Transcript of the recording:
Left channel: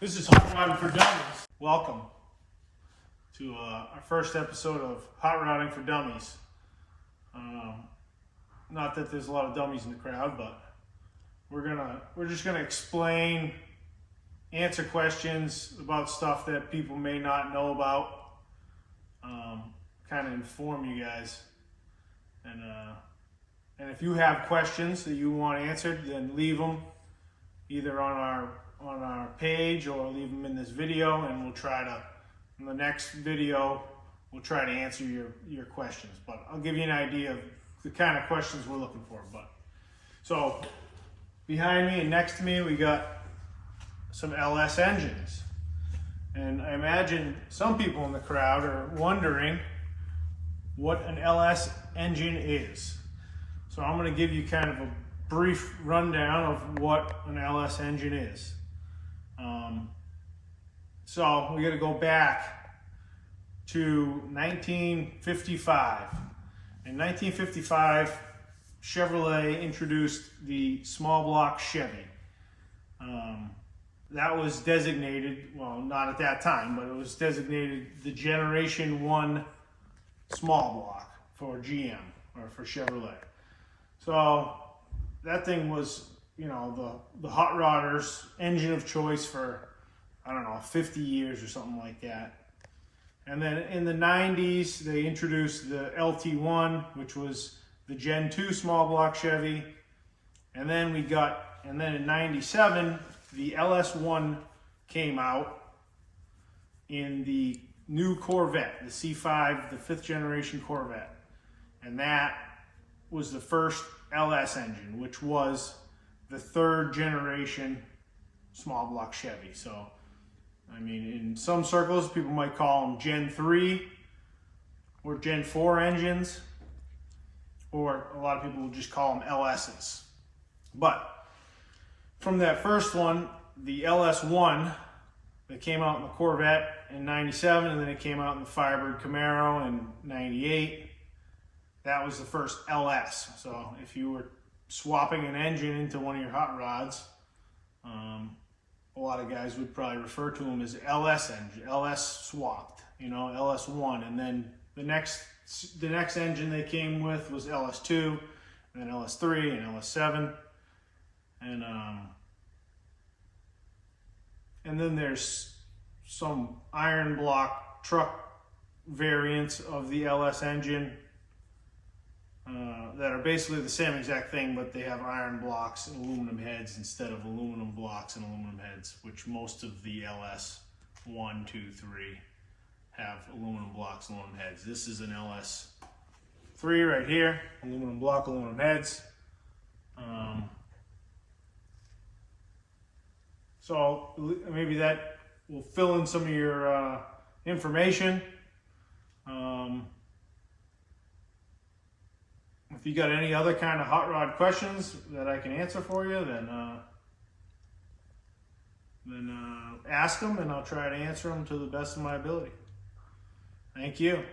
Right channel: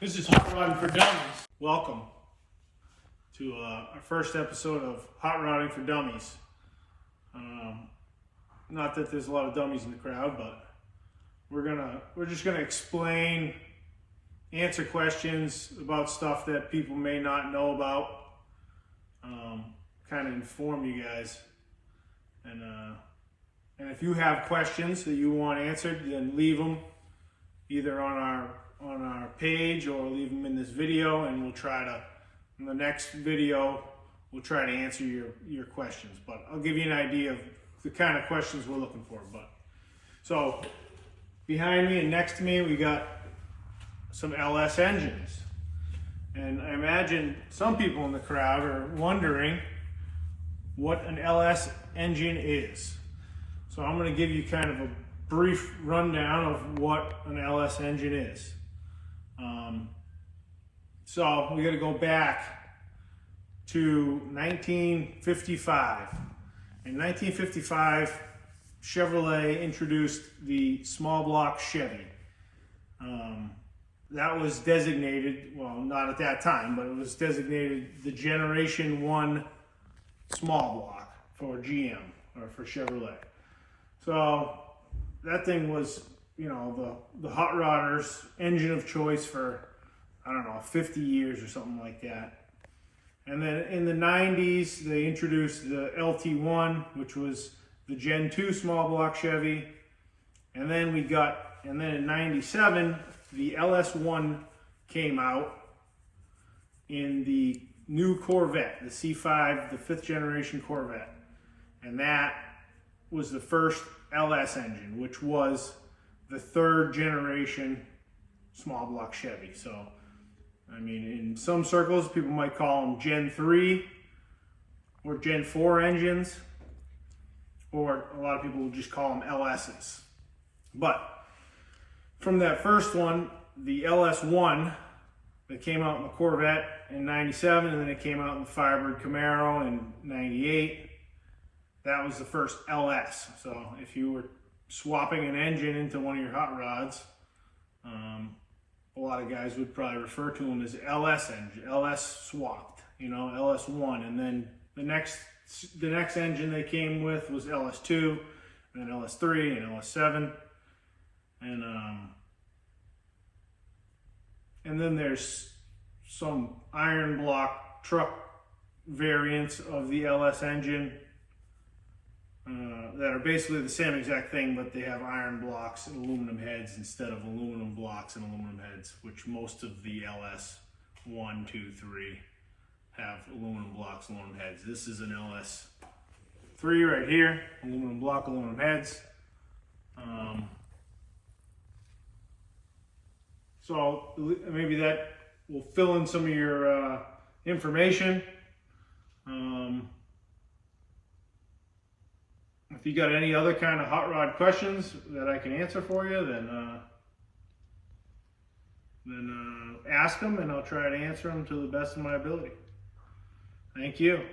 This is Hot Rodding for Dummies. Welcome to our first episode of Hot Rodding for Dummies. Not that there's a lot of dummies in the crowd, but we're just gonna explain, answer questions about stuff that people may not know about, kind of inform you guys. And if you have questions that you want answered, then leave them either on our page or leave them in this video, and we'll try to, in the next video, we'll try to answer your questions. But I'll give you an idea of the kind of questions we're looking for. So behind me and next to me, we got some LS engines. And I imagine some people in the crowd are wondering what an LS engine is. So I'm going to give you kind of a brief rundown of what an LS engine is. So we got to go back to 1955. In 1955, Chevrolet introduced the small block Chevy. That was designated, well, not at that time, but it was designated the Generation 1 small block for GM or for Chevrolet. So that thing was, you know, the hot rodders engine of choice for, I don't know, 50 years or something like that. And then in the 90s, they introduced the LT1, which was the Gen 2 small block Chevy. And then in 97, the LS1 came out in the new Corvette, the C5, the 5th generation Corvette. And that was the first LS engine, which was the 3rd generation small block Chevy. So, I mean, in some circles, people might call them Gen 3 or Gen 4 engines, or a lot of people will just call them LSs. But from that first one, the LS1 that came out in the Corvette in 97, and then it came out in the Firebird Camaro in 98, that was the first LS. So if you were swapping an engine into one of your hot rods, a lot of guys would probably refer to them as LS engine, LS swapped, you know, LS1. And then the next engine they came with was LS2, and then LS3 and LS7. And then there's some iron block truck variants of the LS engine that are basically the same exact thing, but they have iron blocks and aluminum heads instead of aluminum blocks and aluminum heads, which most of the LS 1, 2, 3 have aluminum blocks, aluminum heads. This is an LS 3 right here, aluminum block, aluminum heads. So maybe that will fill in some of your information. If you got any other kind of hot rod questions that I can answer for you, then ask them, and I'll try to answer them to the best of my ability. Thank you.